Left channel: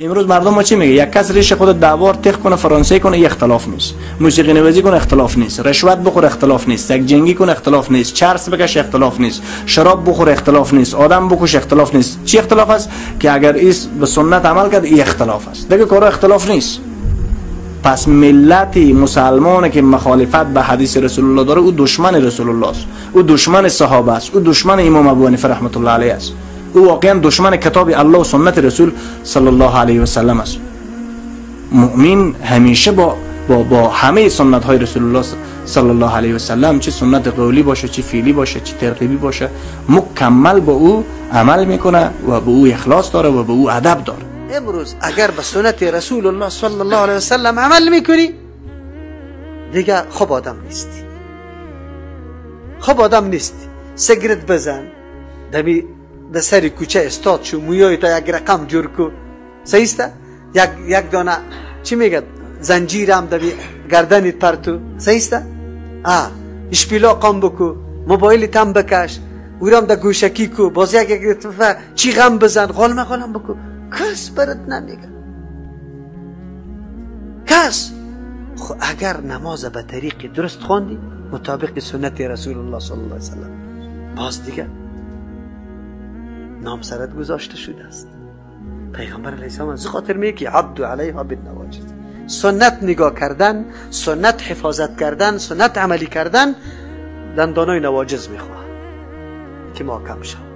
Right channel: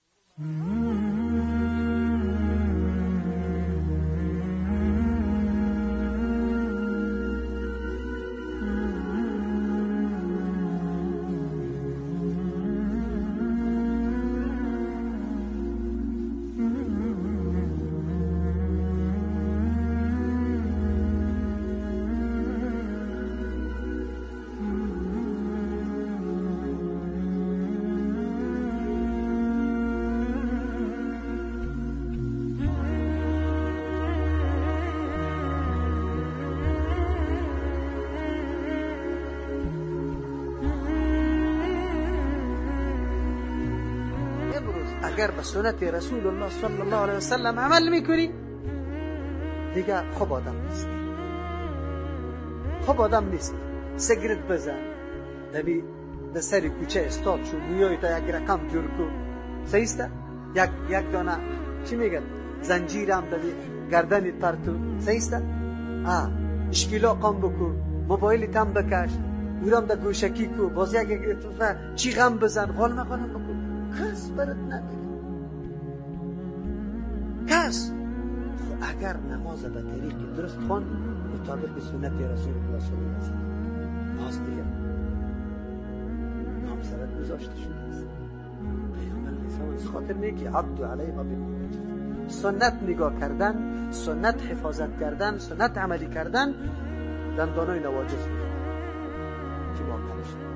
امروز مردم ما چی میگه؟ یک کس ریش خود 10 بار تق کنه، فرانسه کنه، یک اختلاف نیست. موسیقی نوازی کنه، اختلاف نیست. رشوت بخوره، اختلاف نیست. سگ جنگی کنه، اختلاف نیست. چرس بکشه، اختلاف نیست. شراب بخوره، اختلاف نیست. آدم بکشه، اختلاف نیست. چی اختلاف است؟ که اگر ایس به سنت عمل کرد، این اختلاف است. دیگه کارا اختلاف نیست. پس ملت مسلمانی که مخالفت به حدیث رسول الله داره، او دشمن رسول الله است. او دشمن صحابه است. او دشمن امام ابو حنیفه رحمت الله علیه است. او واقعا دشمن کتاب الله و سنت رسول صلی الله علیه و سلم است. مؤمن همیشه با همه سنت های رسول الله صلی الله علیه و سلم، چه سنت قولی باشه، چه فعلی باشه، چه ترغیبی باشه، مکمل با او عمل میکنه و به او اخلاص داره و به او ادب داره. امروز اگر به سنت رسول الله صلی الله علیه و سلم عمل میکنی، دیگه خوب آدم نیستی. خوب آدم نیستی. سیگرت بزن، دمی در سر کوچه استاد شو، مویای تا یک رقم جور کو، صحیح است؟ یک دانه چی میگه زنجیرم دمی گردنت پرتو، صحیح است؟ اشپیلا قام بکو، موبایل تم بکش، اورام در گوشکی کو، باز یک دفعه چی غم بزن، غالم بکو. کس برات نمیگه، کس. اگر نماز به طریق درست خواندی مطابق سنت رسول الله صلی الله علیه وسلم، باز دیگه نام سرت گذاشته شده است. پیغمبر علیه السلام از خاطر میگه که عبد علیها بالنواجذ، سنت نگاه کردن، سنت حفاظت کردن، سنت عملی کردن دندانای نواجذ میخواه که ما کم شد.